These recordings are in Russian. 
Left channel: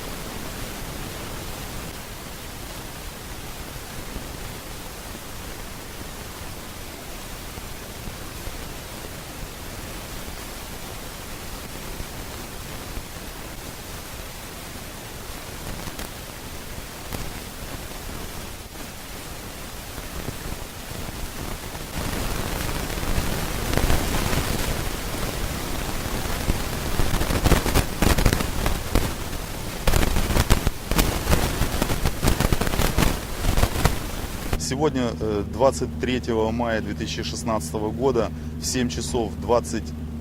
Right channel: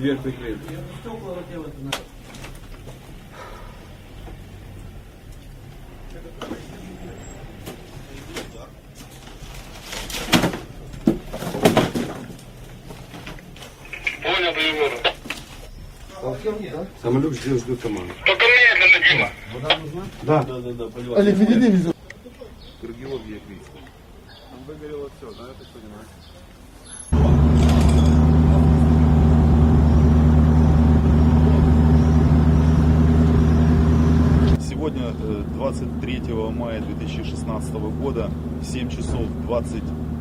Где ты? Понял, прием. Самолет сделал свою команду. Только медленно, Дима. Да. Олег, не веди меня. Сегодня, э, 23 мая 2016 года, в 7 часов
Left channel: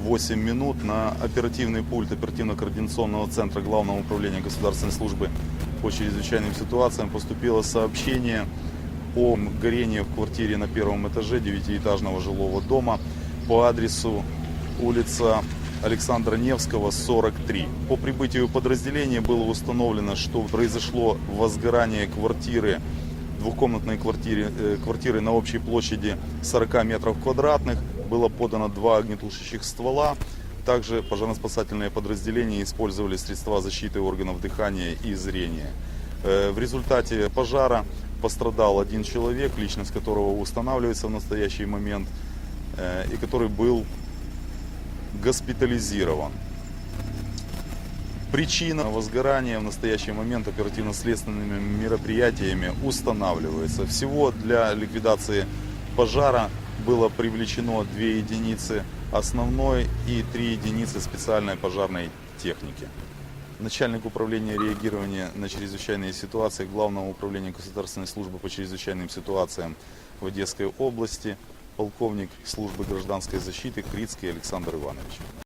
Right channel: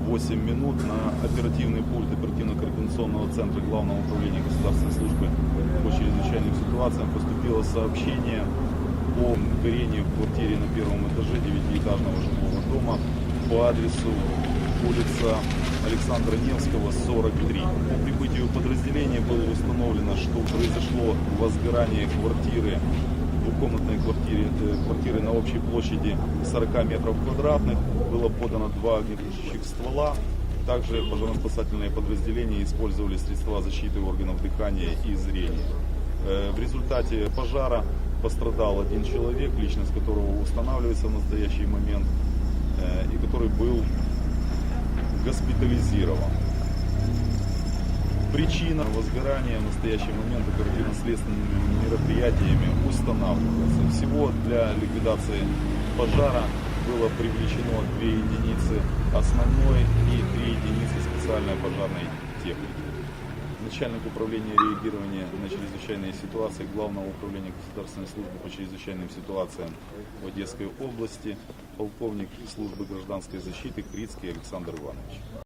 28 минут на оперативный пульт оперативно-координационного центра Главного управления государственной службы по чрезвычайным ситуациям поступило сообщение о горении в квартире на первом этаже девятиэтажного жилого дома по адресу улица Александра Невского, 43. По прибытию подразделения было установлено, что произошло возгорание квартиры двухкомнатной квартире, э, квартиры на общей площади 40 метров квадратных. Было подано два огнетушащих ствола. Также пожарно-спасательные подразделения использовали средства защиты органов дыхания и зрения. Э, В результате пожара пострадал один человек, личность которого устанавливается в настоящий момент, э, и который был госпитализирован. Причина возгорания в настоящий момент оперативно-следственными мероприятиями устанавливается. Всего для ликвидации пожара было привлечено две единицы основной и три единицы специальной пожарной техники. Начальник управления реагирования на чрезвычайные ситуации Главного управления государственной службы по чрезвычайным ситуациям в Одесской области, полковник службы гражданской защиты Крицкий Александр Иванович.